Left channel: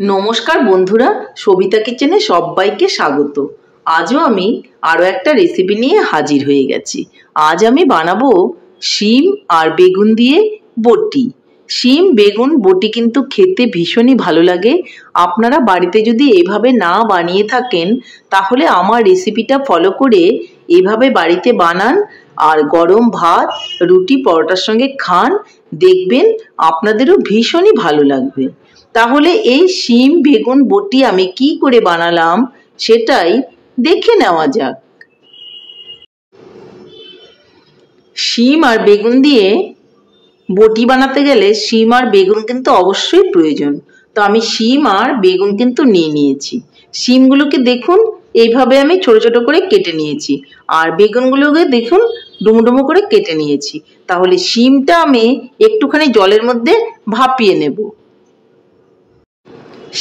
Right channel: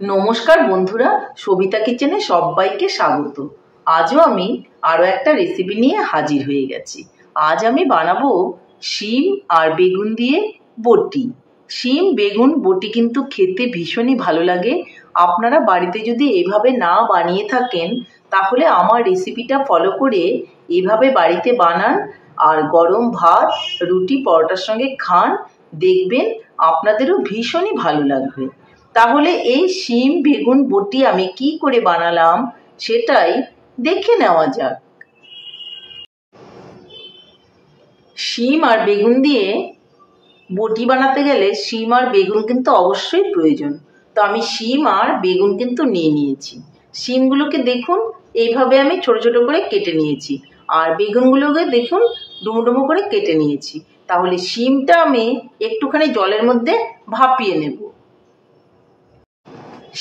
নমস্কার বন্ধুরা, সবিতা কিচেনে সবাইকে স্বাগত। আজও আমি আরও একটা রেসিপি নিয়ে হাজির হয়ে গেছি। আজ আমি বানাবো শিম আর বেগুন দিয়ে বটি। শিম বেগুন বটি কিন্তু খেতে ভীষণই ভালো লাগে। আপনারা বাড়িতে যদি এভাবে না বানিয়ে থাকেন তাহলে আমার রেসিপিটা ফলো করে এভাবে বাড়িতে বানান আর গরম ভাত, রুটি, পরোটার সঙ্গে খান, দেখবেন আপনাদেরও ভীষণই ভালো লাগবে। তাহলে এই শিম বেগুন বটি আমি কি করে বানালাম সেটাই দেখে নেওয়া যাক। শিম আর বেগুন দিয়ে বটি বানাতে গেলে শিম আর বেগুন কিন্তু অবশ্যই প্রয়োজন। তো আমি শিম আর বেগুন কিন্তু নিয়ে নিয়েছি। শিমগুলোকে দেখুন এইভাবে আমি ছোট ছোট করে কেটে নিয়েছি, আর বেগুনগুলোকে দেখুন ডুমো ডুমো করে কেটে নিয়েছি। তাহলে শিমটা আমি একটুখানি জলের মধ্যে ভাপিয়ে নেব।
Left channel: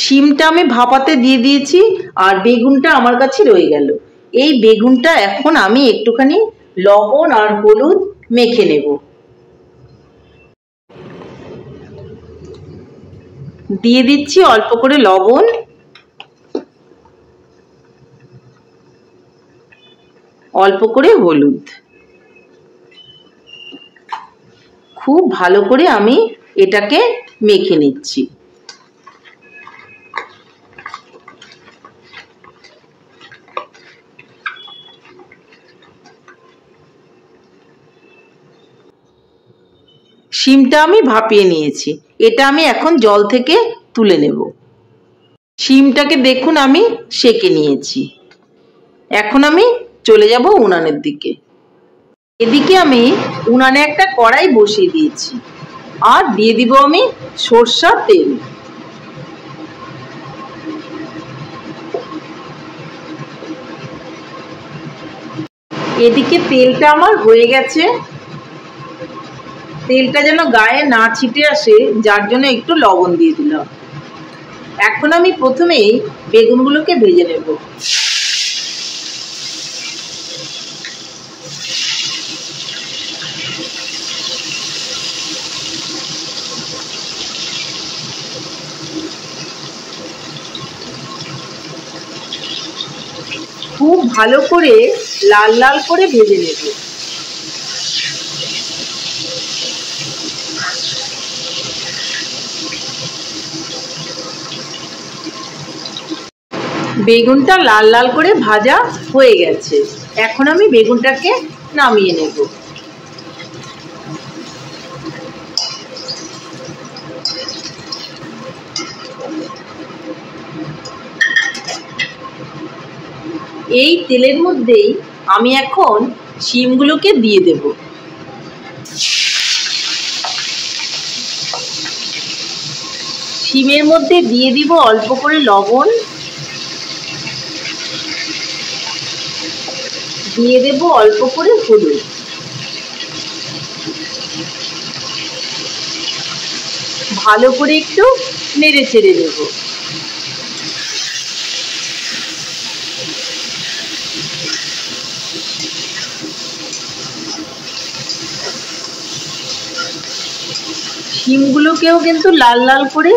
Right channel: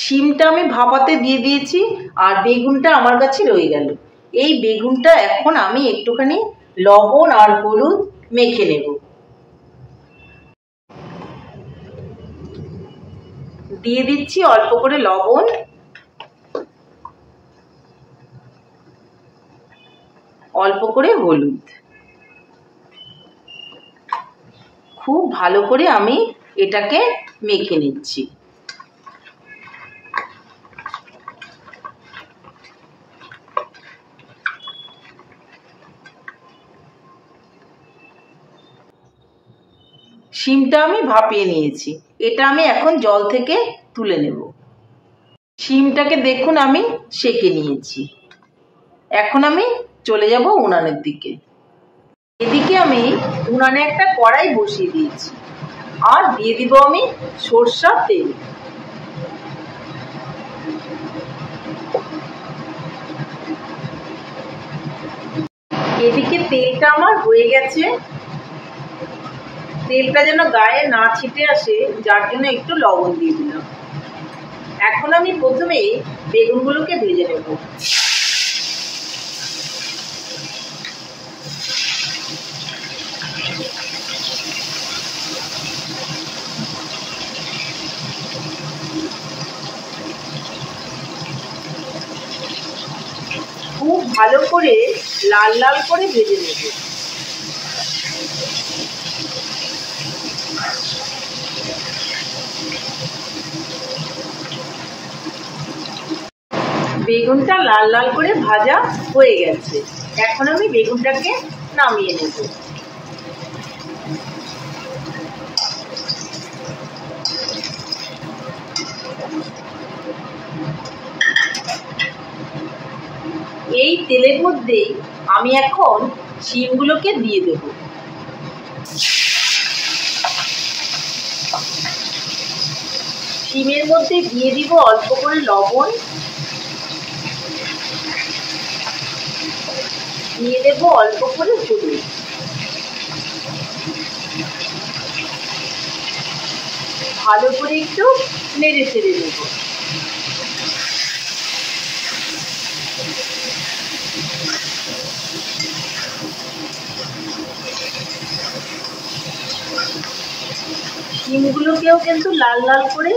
শিমটা আমি ভাপাতে দিয়ে দিয়েছি আর বেগুনটা আমার কাছে রয়ে গেল। এই বেগুনটা এখন আমি একটুখানি লবণ আর হলুদ মেখে নেব। দিয়ে দিচ্ছি অল্প করে লবণ, অল্প করে হলুদ। খুব ভালো করে আমি এটাকে মেখে নিচ্ছি। শিমটা আমি ভাপিয়ে নিয়েছি, এটা আমি এখন জল থেকে তুলে নেব। শিমটাকে দেখুন আমি সেঁকে নিয়েছি। এখন আমি চলে যাব উনানের দিকে। এদিকে আমি উনানে একটা কড়াই বসিয়ে দিয়েছি আর দিয়ে দিব আমি সরষের তেল। এদিকে তেলটা আমার হয়ে গেছে। তেলটা যেন গায়ে না ছিটে আসে যার জন্য একটু লবণ দিয়ে দিলাম। এখন আমি প্রথমেই বেগুনগুলোকে ভেজে নেব। খুব ভালো করে লাল লাল করে ভেজে নেব। বেগুনটা লাল লাল করে ভাজা হয়ে গেছে। এখন আমি বেগুনটাকে নামিয়ে নেব। এই তেলের মধ্যেই আমি এখন শিমগুলোকে দিয়ে দেব। শিমের মধ্যে দিয়ে দিব অল্প করে লবণ, দিয়ে দেব অল্প করে হলুদ। ভালো করে একটু নেড়ে চেড়ে দেব। শিমগুলোকেও কিন্তু লাল লাল করে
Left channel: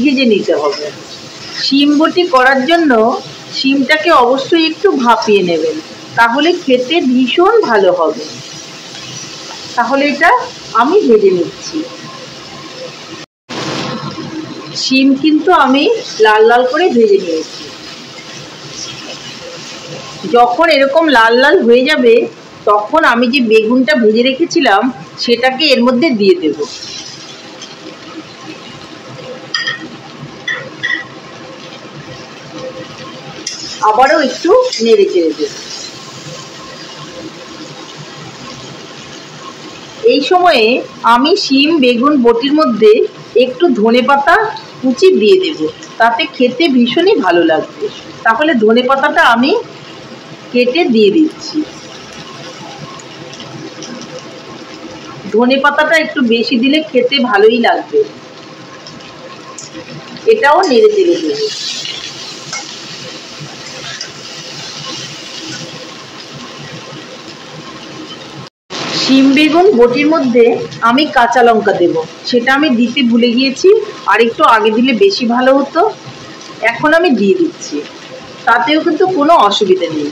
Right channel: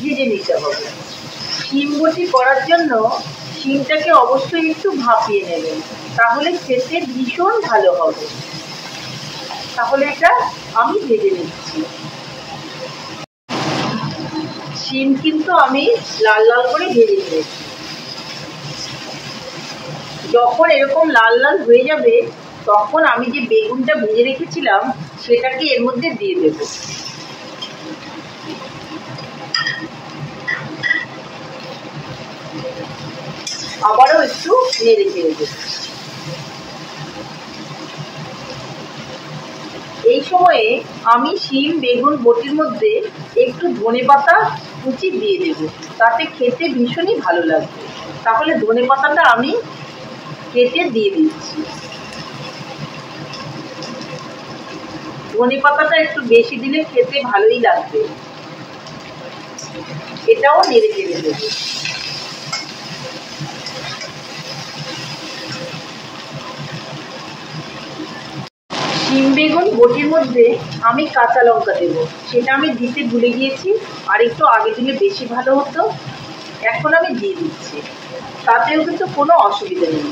ভেজে নিতে হবে। শিম বটি করার জন্য শিমটাকে অবশ্যই একটু ভাপিয়ে নেবেন, তাহলে খেতে ভীষণ ভালো হবে। তাহলে এটা আমি ভেজে নিচ্ছি। শিম কিন্তু আমি লাল লাল করে ভেজে নিয়েছি। যখন এরকম লাল লাল হয়ে যাবে তখন আমি যে বেগুনটা ভেজে রেখেছিলাম সেটাকে এর মধ্যে দিয়ে দেব। আবারও একটু নেড়ে চেড়ে দেব। এই সময়ে আমি শিম বেগুন বটির মধ্যে একটু ধনেপাতা কুচি দিয়ে দেব, তাতে খেতে ভীষণই ভালো লাগবে। তাহলে ধনেপাতাটা আমি কেটে দিয়ে দিচ্ছি। ধনেপাতাটা একটু বেশি দিলে খেতে ভালোই লাগবে। এটাও নেড়ে চেড়ে দেব। শিম বেগুন বটির মধ্যে আমি কাঁচা লঙ্কা দেব, সেটা আমি দিতে ভুলে গিয়েছি, আর একটু আগে দিলে বেশি ভালো হতো। এখন আমি দিয়ে দিচ্ছি, তাতেও কিন্তু কোনো অসুবিধা নেই।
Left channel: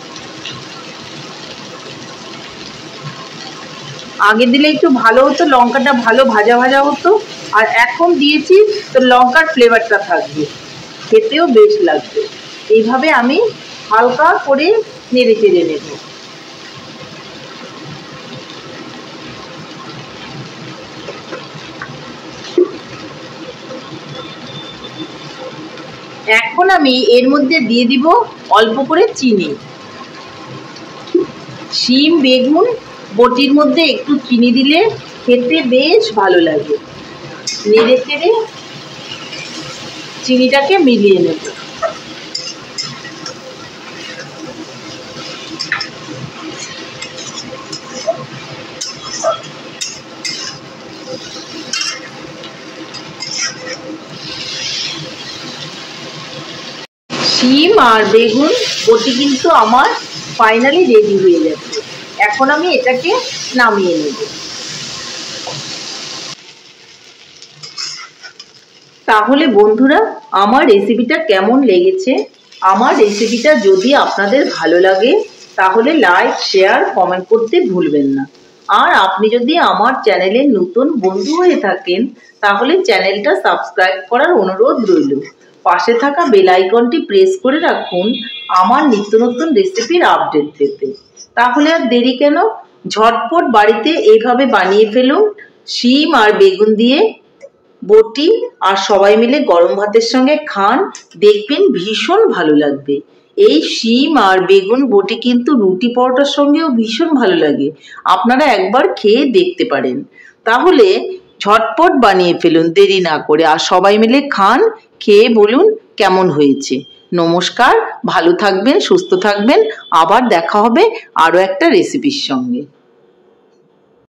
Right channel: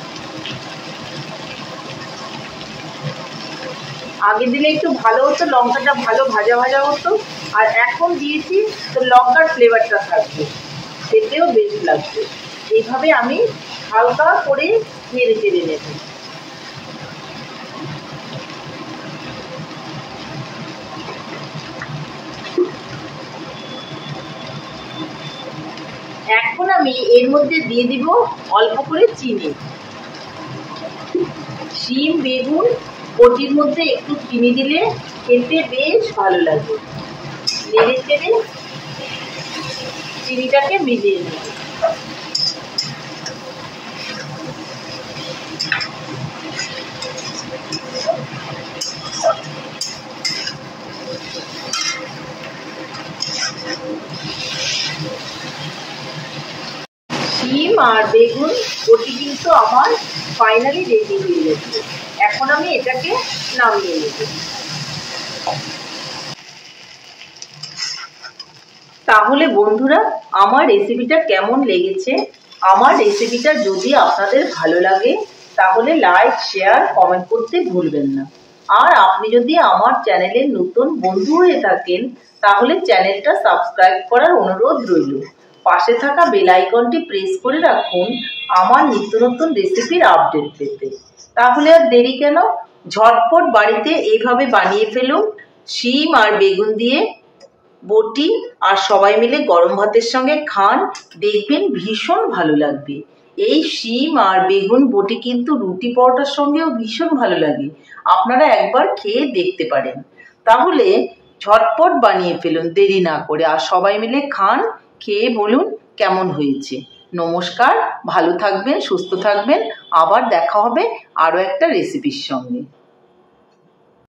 আগে দিলে একটু ভালো হতো, লঙ্কাটা ভালো ভাজা ভাজা হতো, আর এখন দিয়েছি তো লঙ্কার ফ্লেভারটা থাকবে, খেতেও বেশ লাগবে। এইভাবে আমি হালকা করে নেড়ে চেড়ে নেব। এখন আমি এর মধ্যে দিয়ে দিব অল্প করে চিনি। শিম বেগুন বটির মধ্যে একটু চিনি দিলে খেতে বেশ ভালো লাগে। নেড়ে চেড়ে চিনিটাকে মিলিয়ে নেব। শিম আর বেগুন বটি কিন্তু আমার ফাইনালি রেডি হয়ে যাচ্ছে। এখন আমি এটাকে নামিয়ে নেব। তাহলে বন্ধুরা, আমার রেসিপিটা কেমন লেগেছে? আমার রেসিপিটা যদি আপনাদের ভালো লাগে তাহলে লাইক, শেয়ার, কমেন্ট করতে ভুলবেন না। আর আপনি যদি আমার চ্যানেলের নতুন বন্ধু হয়ে থাকেন তাহলে চ্যানেলটা সাবস্ক্রাইব করার অনুরোধ রইল। পাশে থাকা বেল আইকনটি প্রেস করে রাখুন আমার নিত্য নতুন রেসিপির আপডেট পেতে। তাহলে আর দেরি কেন, ঝটপট বাড়িতে এইভাবে বানিয়ে ফেলুন শিম আর বেগুন দিয়ে বটি, আর সবাই মিলে গরম ভাতের সঙ্গে খান, দেখবেন ভীষণ ভালো লাগবে। এই শিম আর বেগুন বটি কিন্তু রুটি পরোটার সঙ্গেও ভীষণ ভালো লাগে, আপনারা একবার খেয়ে দেখতে পারেন। তাহলে ঝটপট বানিয়ে ফেলুন দেরি না করে, আর সবাই মিলে খান, খেয়ে বলুন কেমন হয়েছে। নমস্কার, ভালো থাকবেন, সুস্থ থাকবেন, আবার দেখা হবে আরও একটা রেসিপির সঙ্গে।